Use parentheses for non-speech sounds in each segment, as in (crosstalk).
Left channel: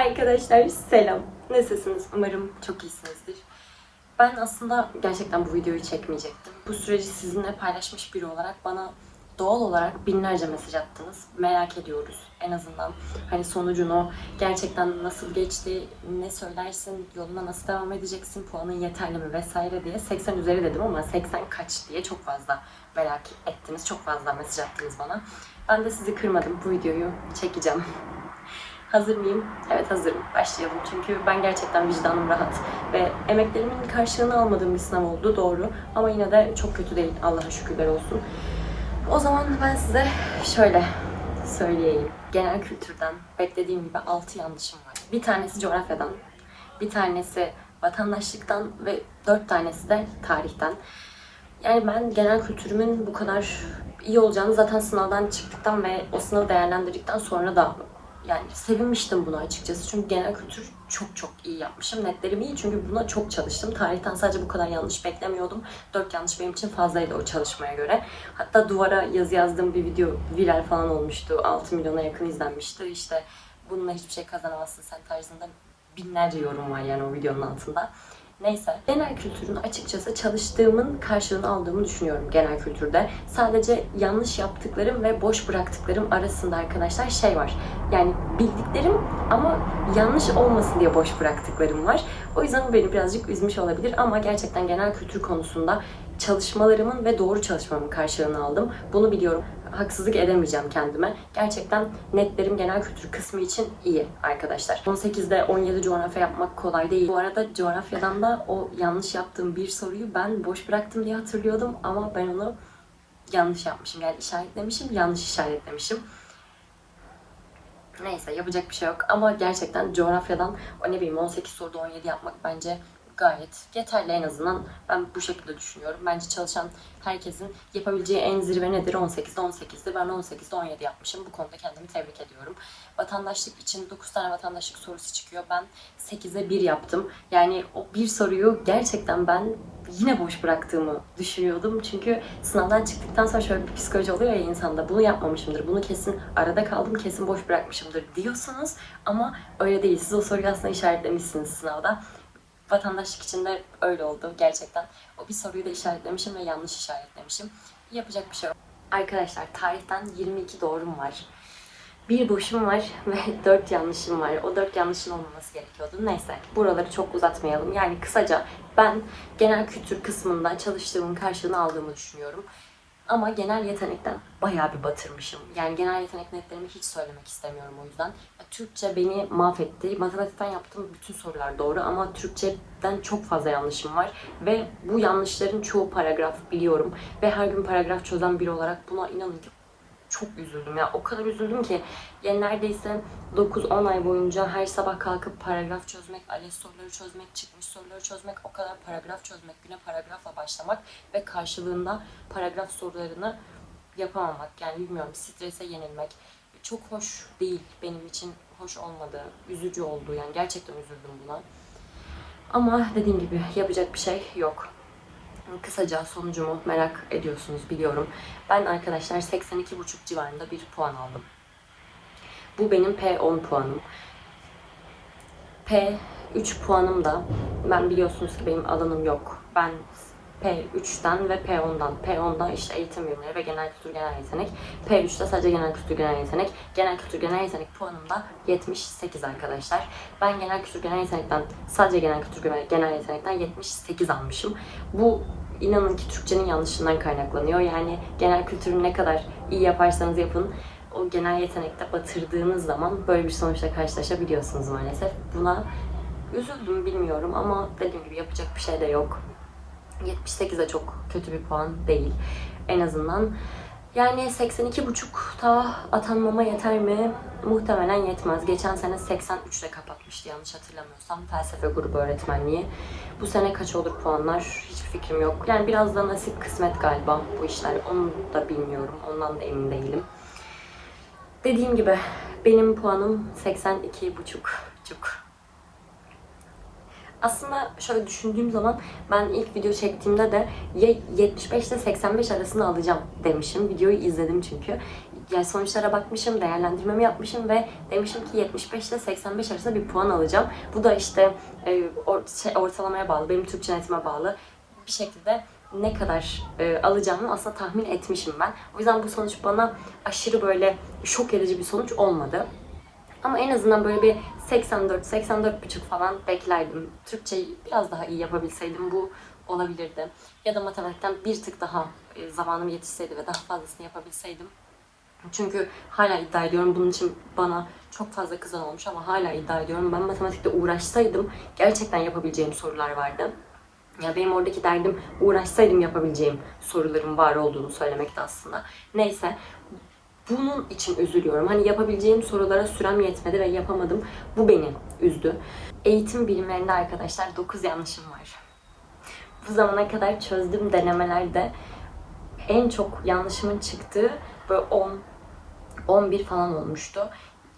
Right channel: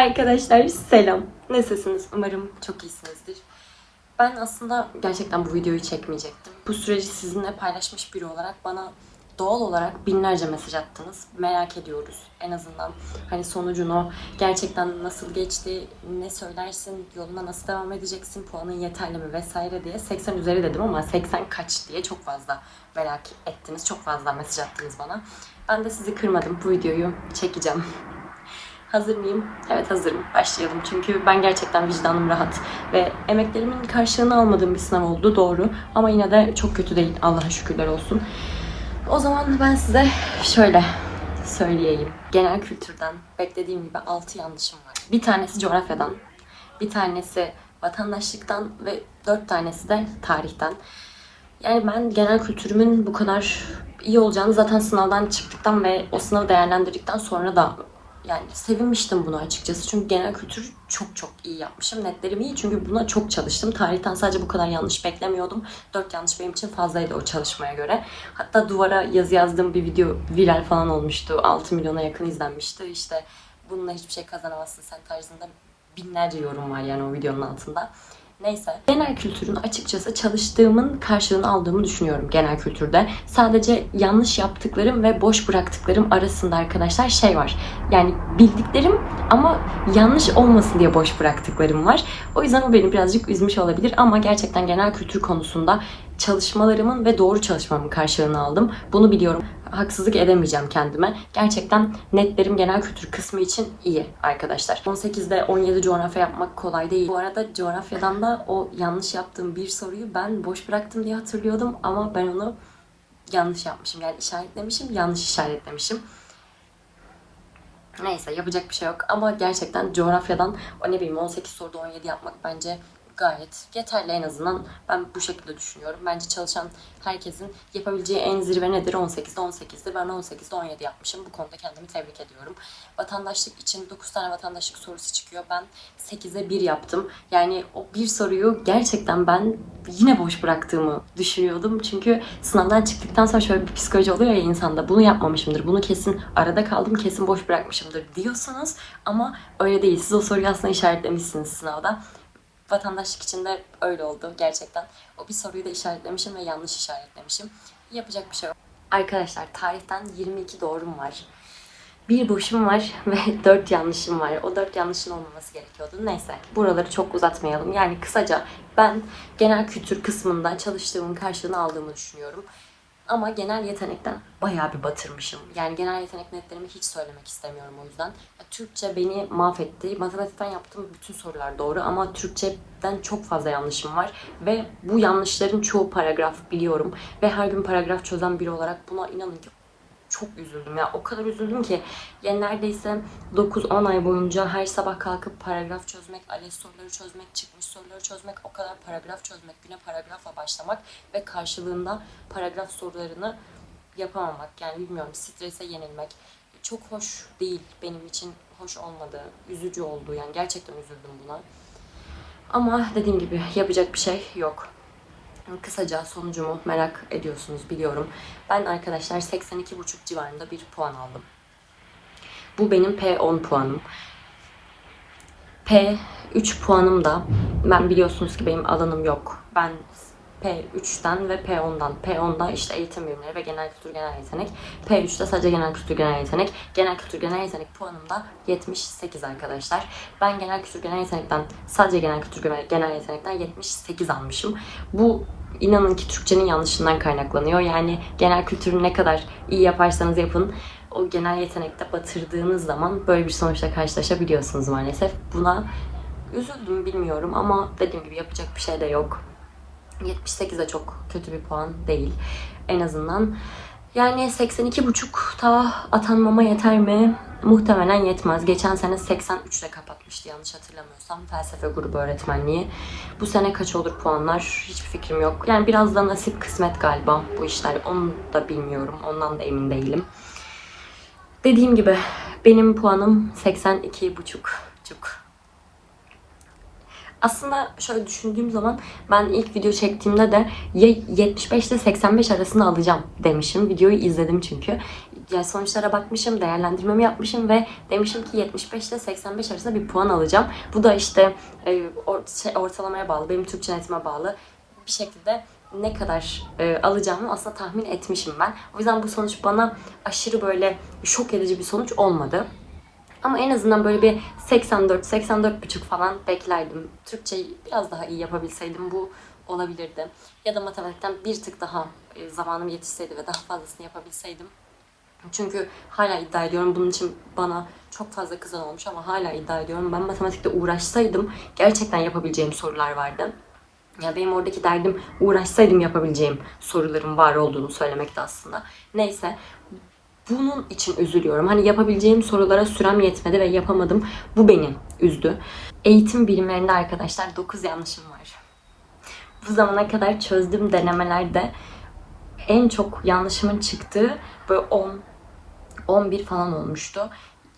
Arkadaşlar selam. Nasılsınız? Umarım çok iyisinizdir. Ben aslında gerçekten bu videoyu çekmeyecektim. Bu süreci sizinle paylaşmış biri olarak bana doğal olarak binlerce mesaj attınız. Merak ediyoruz en azından. Hani sonucunu gerçekten nasıl geçti, ne söylersin, yoluna nasıl devam edeceksin, puanın yeterli mi vesaire diye 80 üzeri dedim ama 80 kaç diye çok fazla merak ettiniz. Çok fazla mesaj attınız bana. Ben de sizi kırmadım. Bu videoyu çekeceğim. Hazır mıyım? Evet hazırım. Başlayalım. Çünkü ben gerçekten vicdanım rahat. Ve emeklerimin karşılığını almadığım bir sınav oldu doğru. Ama yine de çok kötü değil. Allah'a şükürler olsun. O zaman ben size şöyle söyleyeyim. Genel kültürden beklediğim gibi 6 yanlışım var. Bir tanesi coğrafyadan, bir tanesi vatandaşlıktan ve 4 tanesi de tarihten. Yani ben genel kültürümün bu kadar iyi olacağını zaten sınavdan çıktıktan ve o sınavı değerlendirdikten sonra da yani sevinmiştim buna açıkçası. Çünkü genel kültür çok çok iyi yapmışım. Netlerim iyi çünkü buna çok çalıştım. Tarihten sadece bu kadar yanlış beklemiyordum. 4 yanlış benim için fazlaydı o çalışmaya göre. Hatta duvara yazı yazdığım bir video viral falan olmuştu. 6 milyona yakın izlenmişti. İşte bununla hiçbir şey kazanamazsın sen tarzında binlerce yorum var yani o videonun altında. Neyse. Genel kültürün açıkçası çalıştığımın karşılığını aldığımı düşünüyorum genel kültürde. Sadece yanlış yaptıklarım ve boş bıraktıklarım arasında arkadaşlar şey var. Yani bildiklerim ama yanlış olmasın diye boş bıraktıklarım var. O yüzden o beni birazcık üzmüş olabilir ama gerçekten genel kültür konusunda çalışmalarımın ve doğru çalışmamın karşılığını aldım. Bunu biliyorum. Haksızlık edemeyeceğim kendime. Gerçekten netlerim genel kültür kısmı için iyi arkadaşlar. 18'de 17 coğrafya yapmak kolay değil. Bu arada coğrafyadan da o yanlış yaptığım bir soruyu ben boş bıraktım diye hatırlıyordum ama ben onu yanlış yapmışım. Yani işaretlemişim, yanlış işaretlemişim. Neyse yapacak bir şey yok ama gerçekten coğrafyadan o ne bileyim 18 soruda 17 yapmak bence gayet yeterli en azından ben bu şekilde düşünüyorum. Bence çalışan herkesin yapabileceği en zirve nedir? 18'de 18'dir. Ben 18'de 17 yapmışım. Bu konuda kendimi tebrik ediyorum. Vatandaşlık için 9 tane vatandaşlık sorusu çıkıyor. Ben 8'e 1 yaptım. Yani o bir soruyu gerçekten ben yine boş bıraktığımı düşünüyordum. Çünkü sınavdan çıktıktan sonra şöyle bir psikoloji oluyor ya insanda. Bunu yapmamışımdır. Bunu kesin arada kaldım. Kesin boş bırakmışımdır diyorsunuz. Ama öyle değil. Siz o soruyu aslında işaretlemişsiniz sınavda vatandaşlık için de öyle oldu gerçekten. O bir soruyu da işaretlemişim ve yanlış işaretlemişim. Yapacak bir şey yok. Arkadaşlar tarihten 22 doğrum var. Bir boşum var (laughs) ve 4 yanlışım var. O 4 yanlışın olmaması gerekiyordu. Neyse buraları çok uzatmayalım. Yani kısaca ben genel kültür kısmından çalıştığımın karşılığını aldığımı düşünüyorum. Ama genel yetenekten bayağı bir batırmışım. Yani genel yetenek netlerimi hiç söylemek istemiyorum o yüzden. Türkçe beni mahvetti. Matematikten yaptığım bütün sorular doğru ama Türkçeden çok fazla yanlışım var. Ve bu yanlışların çoğu paragraf biliyorum. Ve her gün paragraf çözen biri olarak buna inanın ki çok üzüldüm ya. O kadar üzüldüm ki yani neredeyse 9-10 ay boyunca her sabah kalkıp paragraf çözmek, ALES soruları çözmek, çıkmış soruları çözmek, o kadar paragraf çözmek, güne paragrafla başlamak ve karşılığında paragraf sorularını yapamamak. Yani bilmiyorum strese yenilmek çok hoş değil benim için hoş olmadı. Üzücü oldu yani gerçekten üzüldüm buna. Ama dediğim gibi yapacak bir şey yok. Kısaca sonucumu merak ediyorsunuz biliyorum. Ben arkadaşlar 82,5 civarında bir puan aldım. Bu benim P10 puanım. P3 puanım da ben biliyorsunuz ki benim alanım yok. Ben P3'ten ve P10'dan. P10'da işte eğitim bilimleri ve genel kültür genel yetenek. P3'te sadece genel kültür genel yetenek. Genel kültür genel yetenek puanım da 78 arkadaşlar. Ben genel kültür genel yetenekten sadece genel kültür genel- yetenekten 78 almışım. Bu inanın ki Türkçenin yanlışından kaynaklanıyor. Yani genel kültürü ne kadar iyi yaparsanız yapın o genel yetenekte batırdığınız zaman böyle bir sonuçla karşılaşabiliyorsunuz maalesef. Buna üzüldüm bilmiyorum ama dediğim gibi yapacak bir şey de yok. 78 de çok kötü bir puan değil. En azından yani 82.5'ta atanmama yeter mi? Muhtemelen yetmez. Geçen sene 83 ile kapatmıştı yanlış hatırlamıyorsam felsefe grubu öğretmenliği. Bu sene kaç olur puanlar? Hiçbir fikrim yok. Yani biraz da nasip kısmet galiba bu işler. Onu da bilmiyorum. Ondan da emin değilim. Dediğim gibi benim puanım 82.5. Aslında şöyle düşündüğüm zaman ben ilk video çektiğimde de ya 75 ile 85 arasını alacağım demişim. Videoyu izledim çünkü. yani sonuçlara bakmışım, değerlendirmemi yapmışım ve demişim ki 75 ile 85 arasında bir puan alacağım. Bu da işte e, şey, ortalamaya bağlı, benim Türkçe netime bağlı. Bir şekilde ne kadar e, alacağımı aslında tahmin etmişim ben. O yüzden bu sonuç bana aşırı böyle şok edici bir sonuç olmadı. Ama en azından böyle bir 84, 84,5 falan beklerdim. Türkçeyi biraz daha iyi yapabilseydim bu olabilirdi. Ya da matematikten bir tık daha e, zamanım yetişseydi ve daha fazlasını yapabilseydim. Çünkü hala iddia ediyorum bunun için bana çok fazla kızan olmuş ama hala iddia ediyorum. Ben matematikte uğraşsaydım gerçekten yapabileceğim sorular vardı. Ya benim oradaki derdim uğraşsaydım yapabileceğim soruların var olduğunu söylemekti aslında. Neyse bunun için üzülüyorum. Hani yapabileceğim sorulara sürem yetmedi ve yapamadım. Bu beni üzdü. Eğitim bilimlerinde arkadaşlar 9 yanlışım var. Bu zamana kadar çözdüğüm denemelerde en çok yanlışımın çıktığı böyle 10 11 falan olmuştu.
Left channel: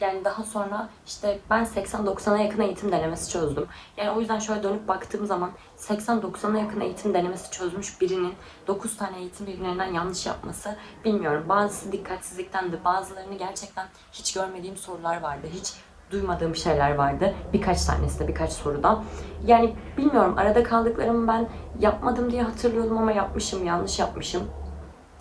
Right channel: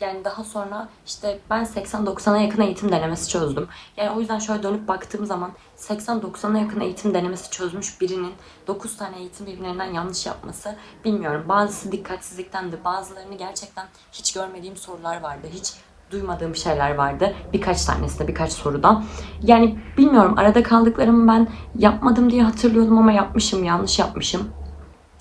Yani daha sonra işte ben 80-90'a yakın eğitim denemesi çözdüm. Yani o yüzden şöyle dönüp baktığım zaman 80-90'a yakın eğitim denemesi çözmüş birinin 9 tane eğitim bilimlerinden yanlış yapması bilmiyorum. Bazısı dikkatsizlikten de bazılarını gerçekten hiç görmediğim sorular vardı. Hiç duymadığım şeyler vardı. Birkaç tanesi de birkaç soruda. Yani bilmiyorum arada kaldıklarımı ben yapmadım diye hatırlıyordum ama yapmışım, yanlış yapmışım.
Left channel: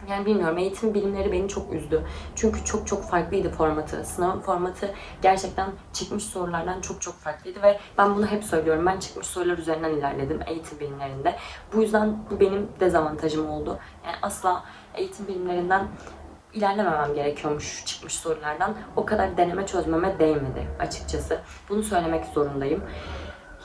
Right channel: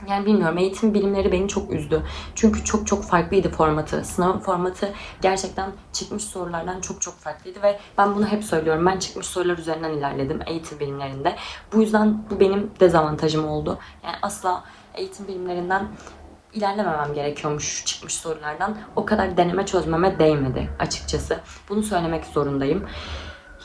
Yani bilmiyorum eğitim bilimleri beni çok üzdü. Çünkü çok çok farklıydı formatı. Sınavın formatı gerçekten çıkmış sorulardan çok çok farklıydı ve ben bunu hep söylüyorum. Ben çıkmış sorular üzerinden ilerledim eğitim bilimlerinde. Bu yüzden bu benim dezavantajım oldu. Yani asla eğitim bilimlerinden ilerlememem gerekiyormuş çıkmış sorulardan. O kadar deneme çözmeme değmedi açıkçası. Bunu söylemek zorundayım.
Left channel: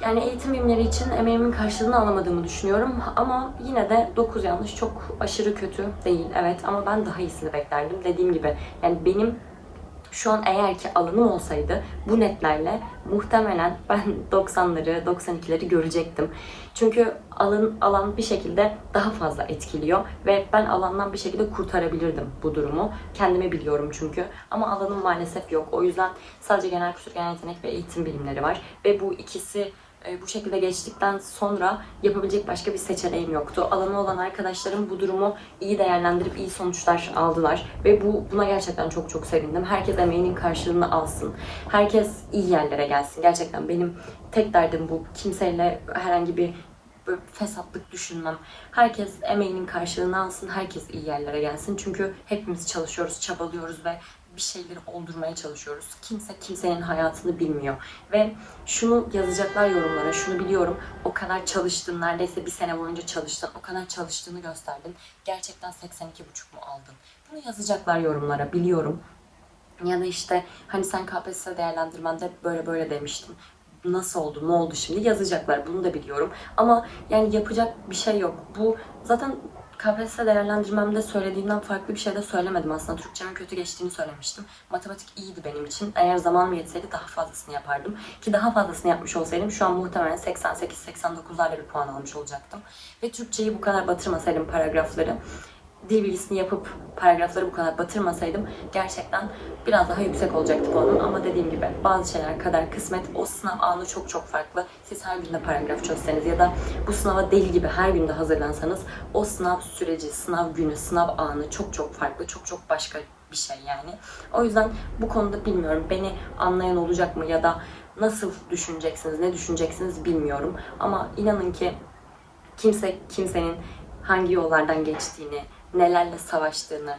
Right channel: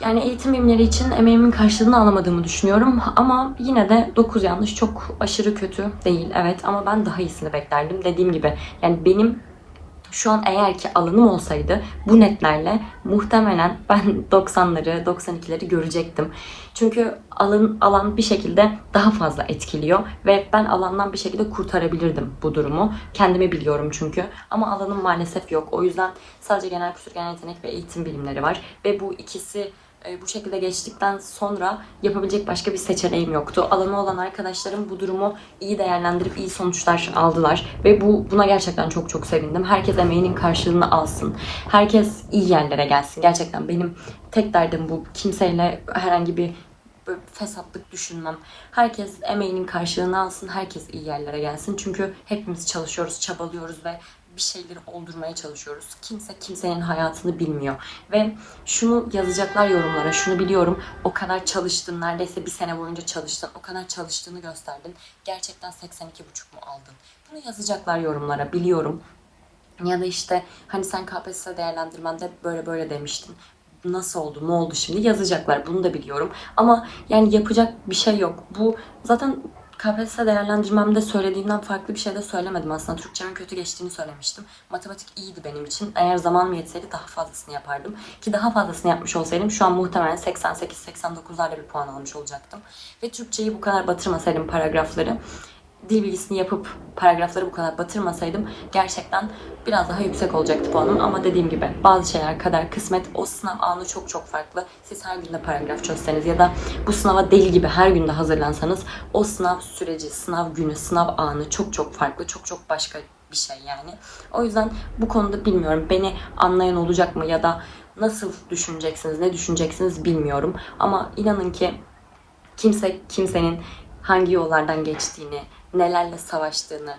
Yani eğitim bilimleri için emeğimin karşılığını alamadığımı düşünüyorum. Ama yine de 9 yanlış çok aşırı kötü değil. Evet ama ben daha iyisini beklerdim. Dediğim gibi yani benim şu an eğer ki alanım olsaydı bu netlerle muhtemelen ben (laughs) 90'ları 92'leri görecektim. Çünkü alan, alan bir şekilde daha fazla etkiliyor ve ben alandan bir şekilde kurtarabilirdim bu durumu. Kendimi biliyorum çünkü ama alanım maalesef yok. O yüzden sadece genel kültür, genel yetenek ve eğitim bilimleri var ve bu ikisi bu şekilde geçtikten sonra yapabilecek başka bir seçeneğim yoktu. Alanı olan arkadaşlarım bu durumu iyi değerlendirip iyi sonuçlar aldılar ve bu buna gerçekten çok çok sevindim. Herkes emeğinin karşılığını alsın. Herkes iyi yerlere gelsin. Gerçekten benim tek derdim bu. Kimseyle herhangi bir fesatlık düşünmem. Herkes emeğinin karşılığını alsın. Herkes iyi yerlere gelsin. Çünkü hepimiz çalışıyoruz, çabalıyoruz ve bir şeyleri oldurmaya çalışıyoruz. Kimse kimsenin hayatını bilmiyor. Ve şunu yazacaklar yorumlara, şunu biliyorum. O kadar çalıştın, neredeyse bir sene boyunca çalıştın. O kadar çalıştığını gösterdin. Gerçekten 82,5 mu aldın? Bunu yazacaklar yorumlara, biliyorum. Ya da işte hani sen KPSS değerlendirmende böyle böyle demiştin. Nasıl oldu, ne oldu şimdi yazacaklar. Bunu da biliyorum. Ama yani yapacak bir şey yok. Bu zaten KPSS değerlendirmemde söylediğimden farklı bir şey de söylemedim aslında. Türkçemin kötü geçtiğini söylemiştim. Matematik iyiydi benim için. Eğer zamanım yetseydi daha fazlasını yapardım. Ki daha fazlasını yapmış olsaydım şu an muhtemelen 88-89'larla bir puan almış olacaktım. Ve Türkçeyi bu kadar batırmasaydım paragrafları dil bilgisini yapıp paragrafları bu kadar batırmasaydım gerçekten biraz daha yüksek olacaktı puanım. Ama dediğim gibi bazı şeyler kadar kısmet o sınav anı çok çok farklı. Siz her günde paragraf çözseniz ya da bu sınava deli gibi her günde hazırlansanız o sınav süreci, sınav günü, sınav anı çok çok farklı, çok çok başka bir şey yani. O yüzden bu konuda bilmiyorum. Beni anlayan olacak mı ya da nasıl düşüneceksiniz, ne düşüneceksiniz bilmiyorum. Ama inanın ki kimse kimsenin hangi yollardan geçtiğini, nelerle savaştığını,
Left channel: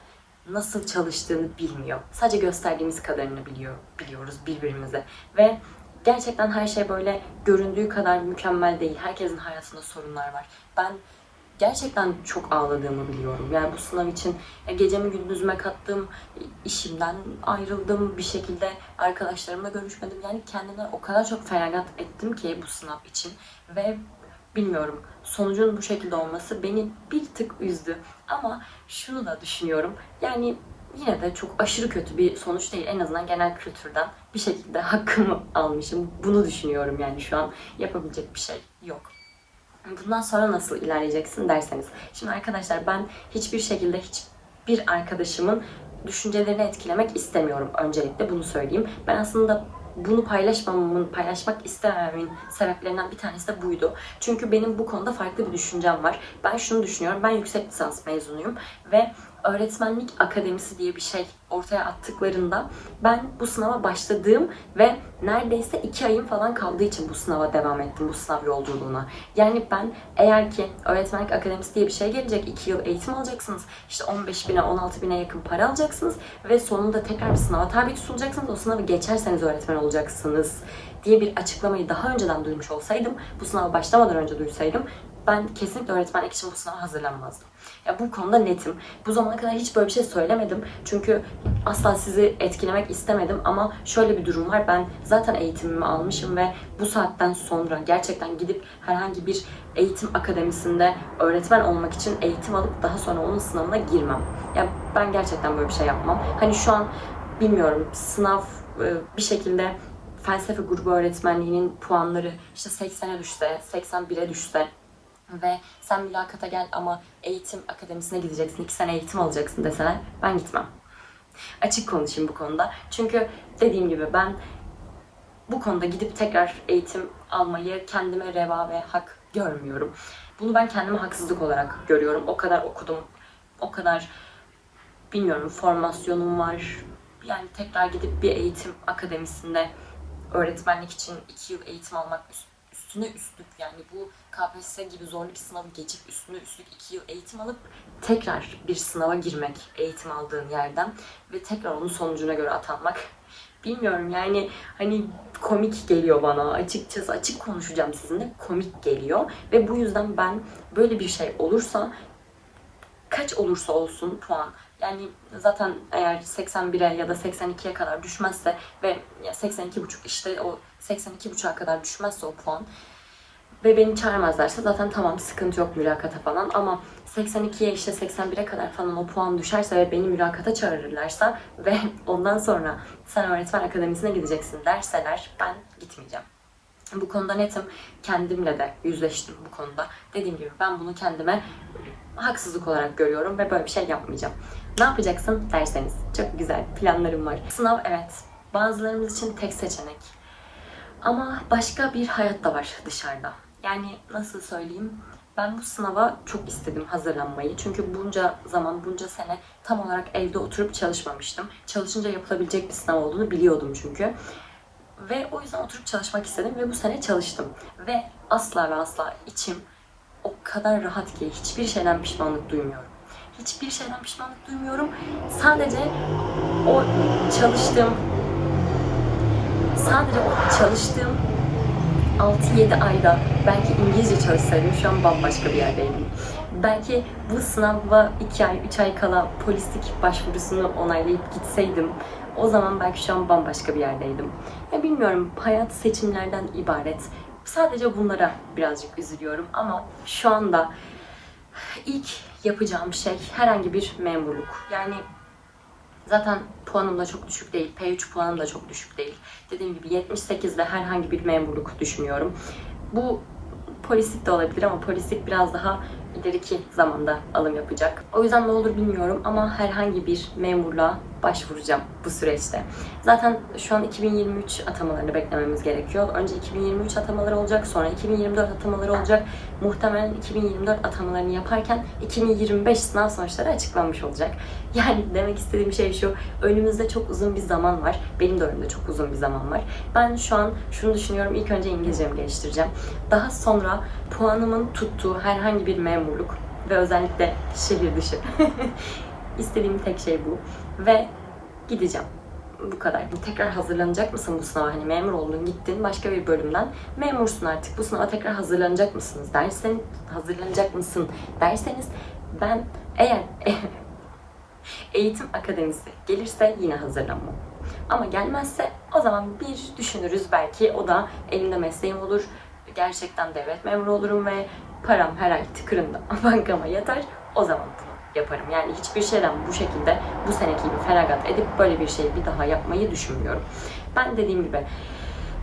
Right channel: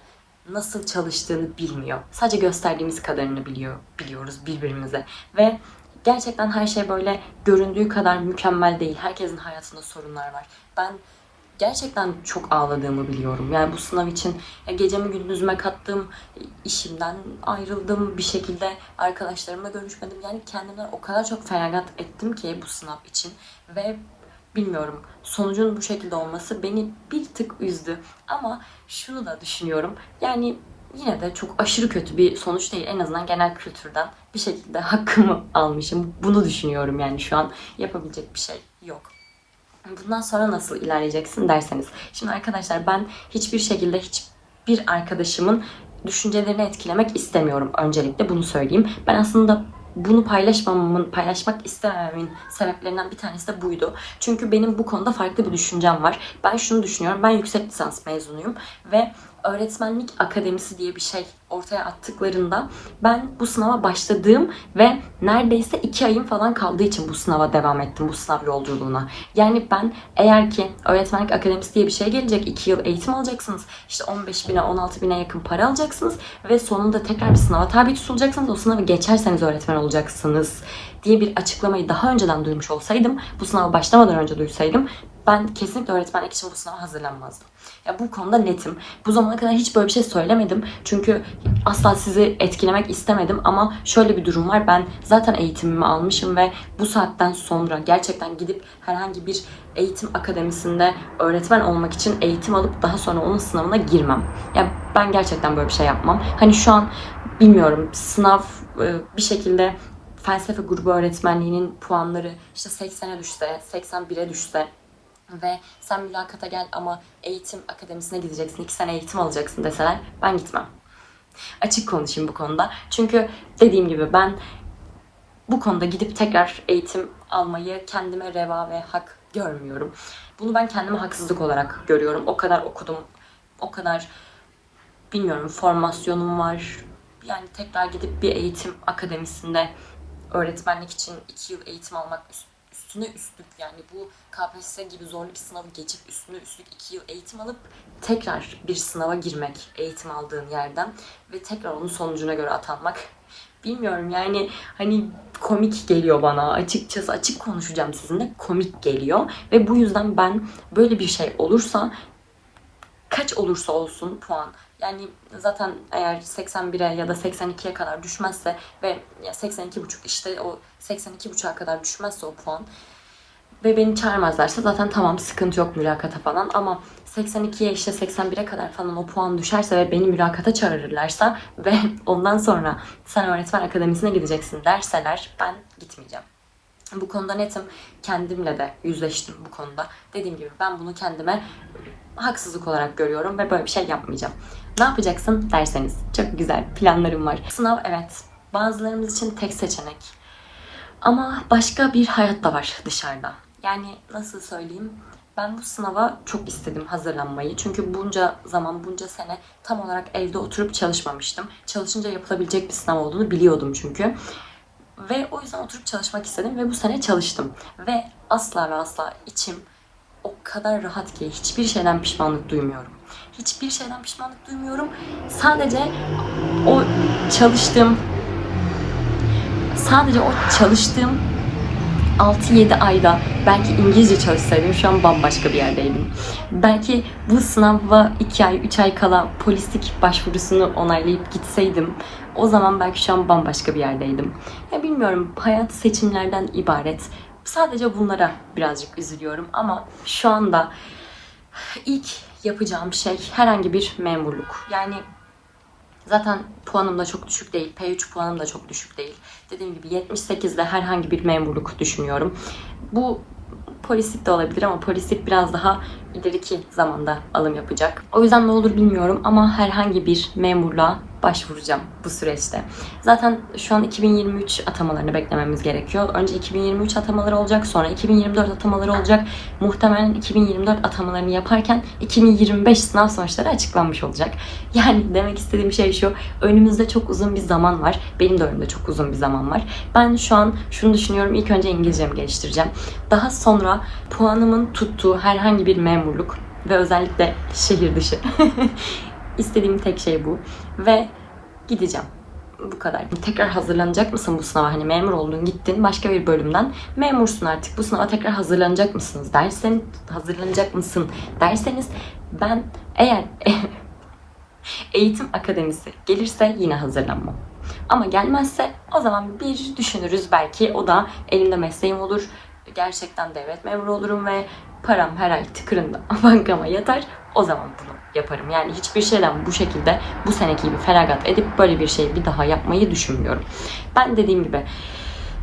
nasıl çalıştığını bilmiyor. Sadece gösterdiğimiz kadarını biliyor, biliyoruz birbirimize. Ve gerçekten her şey böyle göründüğü kadar mükemmel değil. Herkesin hayatında sorunlar var. Ben gerçekten çok ağladığımı biliyorum. Yani bu sınav için ya gecemi gündüzüme kattım, işimden ayrıldım bir şekilde arkadaşlarımla görüşmedim. Yani kendimden o kadar çok feragat ettim ki bu sınav için ve bilmiyorum sonucun bu şekilde olması beni bir tık üzdü. Ama şunu da düşünüyorum. Yani yine de çok aşırı kötü bir sonuç değil. En azından genel kültürden bir şekilde hakkımı almışım. Bunu düşünüyorum yani şu an yapabilecek bir şey yok. Bundan sonra nasıl ilerleyeceksin derseniz. Şimdi arkadaşlar ben hiçbir şekilde hiçbir arkadaşımın düşüncelerini etkilemek istemiyorum öncelikle bunu söyleyeyim. Ben aslında bunu paylaşmamamın, paylaşmak istemememin sebeplerinden bir tanesi de buydu. Çünkü benim bu konuda farklı bir düşüncem var. Ben şunu düşünüyorum. Ben yüksek lisans mezunuyum ve öğretmenlik akademisi diye bir şey ortaya attıklarında ben bu sınava başladığım ve neredeyse iki ayım falan kaldığı için bu sınava devam ettim, bu sınav yolculuğuna. Yani ben eğer ki öğretmenlik akademisi diye bir şey gelecek, iki yıl eğitim alacaksınız, işte 15 bine, 16 bine yakın para alacaksınız ve sonunda tekrar bir sınava tabi tutulacaksınız, o sınavı geçerseniz öğretmen olacaksınız diye bir açıklamayı daha önceden duymuş olsaydım, bu sınava başlamadan önce duysaydım ben kesinlikle öğretmenlik için bu sınava hazırlanmazdım. Ya bu konuda netim. Bu zamana kadar hiç böyle bir şey söylemedim. Çünkü asla sizi etkilemek istemedim ama şöyle bir durum var. Ben zaten eğitimimi almışım ve bu saatten sonra gerçekten gidip herhangi bir eğitim akademisinde öğretmen olmak için eğitim alıp daha sonra onun sınavına girmem. Ya ben gerçekten böyle bir şey yapmam. Hani şu an bilmiyorum sınav e, bir şekilde felsefe grubu öğretmenliğinin puanları işte 80'e düşse, 81'e düşse ve sen mülakata gel ama eğitim akademisine gideceksin, iki sene eğitim alacaksın deseler ben gitmem. Açık konuşayım bu konuda. Çünkü dediğim gibi ben bu konuda gidip tekrar eğitim almayı kendime reva ve hak görmüyorum. Bunu ben kendime haksızlık olarak görüyorum. O kadar okudum, o kadar bilmiyorum formasyonum var. Yani tekrar gidip bir eğitim akademisinde öğretmenlik için iki yıl eğitim almak üstüne üstlük yani bu KPSS gibi zorlu bir sınavı geçip üstüne üstlük iki yıl eğitim alıp tekrar bir sınava girmek eğitim aldığın yerden ve tekrar onun sonucuna göre atanmak. Bilmiyorum yani hani komik geliyor bana. Açıkçası açık konuşacağım sizinle komik geliyor. Ve bu yüzden ben böyle bir şey olursa kaç olursa olsun puan yani zaten eğer 81'e ya da 82'ye kadar düşmezse ve 82,5 işte o 82,5'a kadar düşmezse o puan ve beni çağırmazlarsa zaten tamam sıkıntı yok mülakata falan ama 82'ye işte 81'e kadar falan o puan düşerse ve beni mülakata çağırırlarsa ve (laughs) ondan sonra sen öğretmen akademisine gideceksin derseler ben gitmeyeceğim. Bu konuda netim. Kendimle de yüzleştim bu konuda. Dediğim gibi ben bunu kendime haksızlık olarak görüyorum ve böyle bir şey yapmayacağım. Ne yapacaksın derseniz çok güzel planlarım var. Sınav evet bazılarımız için tek seçenek. Ama başka bir hayat da var dışarıda. Yani nasıl söyleyeyim? Ben bu sınava çok istedim hazırlanmayı. Çünkü bunca zaman, bunca sene tam olarak evde oturup çalışmamıştım. Çalışınca yapılabilecek bir sınav olduğunu biliyordum çünkü. Ve o yüzden oturup çalışmak istedim ve bu sene çalıştım. Ve asla ve asla içim o kadar rahat ki hiçbir şeyden pişmanlık duymuyorum. Hiçbir şeyden pişmanlık duymuyorum. Sadece o çalıştığım sadece o çalıştığım 6-7 ayda belki İngilizce çalışsaydım şu an bambaşka bir yerdeydim. Belki bu sınava 2 ay, 3 ay kala polislik başvurusunu onaylayıp gitseydim o zaman belki şu an bambaşka bir yerdeydim. Ya bilmiyorum hayat seçimlerden ibaret. Sadece bunlara birazcık üzülüyorum ama şu anda ilk yapacağım şey herhangi bir memurluk. Yani Zaten puanım da çok düşük değil. P3 puanım da çok düşük değil. Dediğim gibi 78'de herhangi bir memurluk düşünüyorum. Bu polislik de olabilir ama polislik biraz daha ileriki zamanda alım yapacak. O yüzden ne olur bilmiyorum ama herhangi bir memurluğa başvuracağım bu süreçte. Zaten şu an 2023 atamalarını beklememiz gerekiyor. Önce 2023 atamaları olacak, sonra 2024 atamaları olacak. Muhtemelen 2024 atamalarını yaparken 2025 sınav sonuçları açıklanmış olacak. Yani demek istediğim şey şu, önümüzde çok uzun bir zaman var. Benim de önümde çok uzun bir zaman var. Ben şu an şunu düşünüyorum, ilk önce İngilizcemi geliştireceğim. Daha sonra puanımın tuttuğu herhangi bir memurluk ve özellikle şehir dışı (laughs) İstediğim tek şey bu. Ve gideceğim. Bu kadar. Tekrar hazırlanacak mısın bu sınava? Hani memur oldun gittin başka bir bölümden. Memursun artık bu sınava tekrar hazırlanacak mısınız dersen hazırlanacak mısın derseniz ben eğer (laughs) eğitim akademisi gelirse yine hazırlanmam. Ama gelmezse o zaman bir düşünürüz belki o da elimde mesleğim olur. Gerçekten devlet memuru olurum ve param her ay tıkırında (laughs) bankama yatar. O zaman bunu yaparım. Yani hiçbir şeyden bu şekilde bu seneki gibi feragat edip böyle bir şey bir daha yapmayı düşünmüyorum. Ben dediğim gibi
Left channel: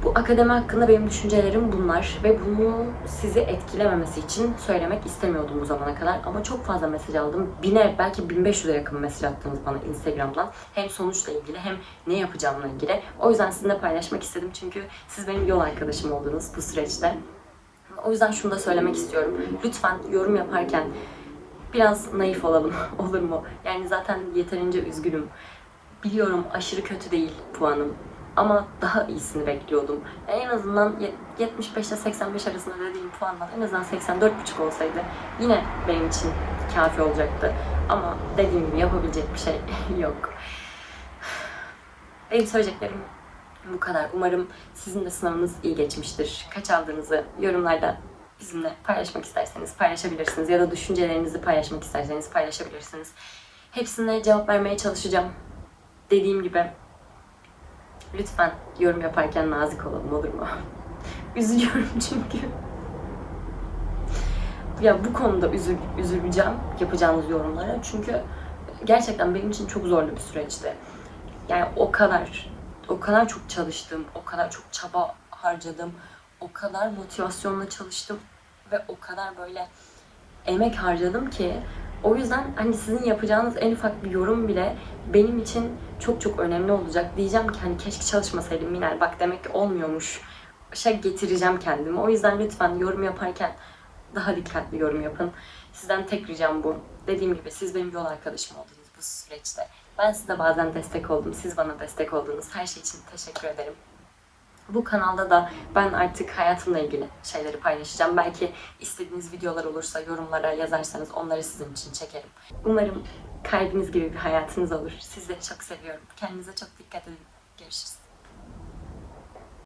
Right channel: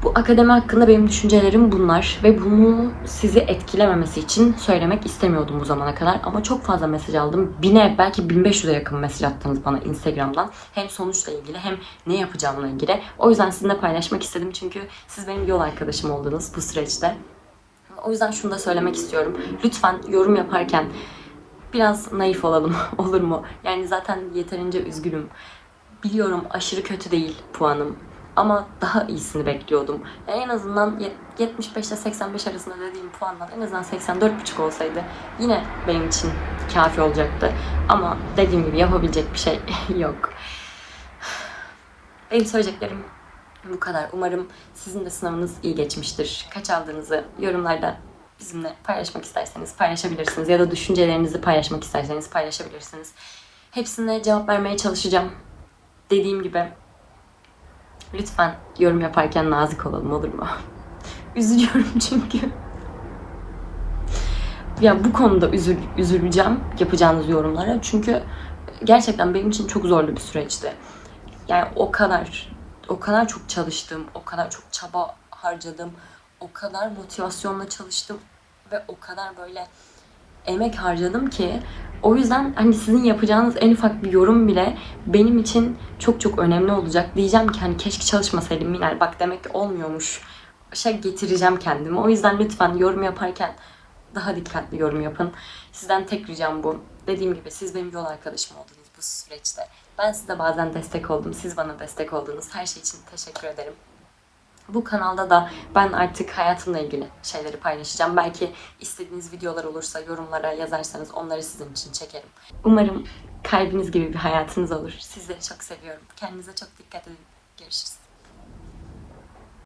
bu akademi hakkında benim düşüncelerim bunlar ve bunu sizi etkilememesi için söylemek istemiyordum bu zamana kadar ama çok fazla mesaj aldım. Bine belki 1500'e yakın mesaj attınız bana Instagram'dan. Hem sonuçla ilgili hem ne yapacağımla ilgili. O yüzden sizinle paylaşmak istedim çünkü siz benim yol arkadaşım oldunuz bu süreçte. O yüzden şunu da söylemek istiyorum. Lütfen yorum yaparken biraz naif olalım (laughs) olur mu? Yani zaten yeterince üzgünüm. Biliyorum aşırı kötü değil puanım. Ama daha iyisini bekliyordum. En azından yet- 75 ile 85 arasında dediğim puandan en azından 84,5 olsaydı yine benim için kafi olacaktı. Ama dediğim gibi yapabilecek bir şey (laughs) yok. (sighs) Benim söyleyeceklerim bu kadar. Umarım sizin de sınavınız iyi geçmiştir. Kaç aldığınızı yorumlarda bizimle paylaşmak isterseniz paylaşabilirsiniz. Ya da düşüncelerinizi paylaşmak isterseniz paylaşabilirsiniz. Hepsine cevap vermeye çalışacağım. Dediğim gibi lütfen yorum yaparken nazik olalım olur mu? (laughs) Üzülüyorum çünkü. Ya bu konuda üzül, üzüleceğim yapacağınız yorumlara. Çünkü gerçekten benim için çok zorlu bir süreçti. Yani o kadar, o kadar çok çalıştım, o kadar çok çaba harcadım, o kadar motivasyonla çalıştım ve o kadar böyle emek harcadım ki o yüzden hani sizin yapacağınız en ufak bir yorum bile benim için çok çok önemli olacak. Diyeceğim ki hani keşke çalışmasaydım Minel bak demek ki olmuyormuş. Şey getireceğim kendimi. O yüzden lütfen yorum yaparken daha dikkatli yorum yapın. Sizden tek ricam bu. Dediğim gibi siz benim yol arkadaşım oldunuz bu süreçte. Ben size bazen destek oldum. Siz bana destek oldunuz. Her şey için teşekkür ederim. Bu kanalda da ben artık hayatımla ilgili şeyleri paylaşacağım. Belki istediğiniz videolar olursa yorumlara yazarsanız onları sizin için çekerim. Umarım kalbiniz gibi bir hayatınız olur. Sizleri çok seviyorum. Kendinize çok dikkat edin. Görüşürüz.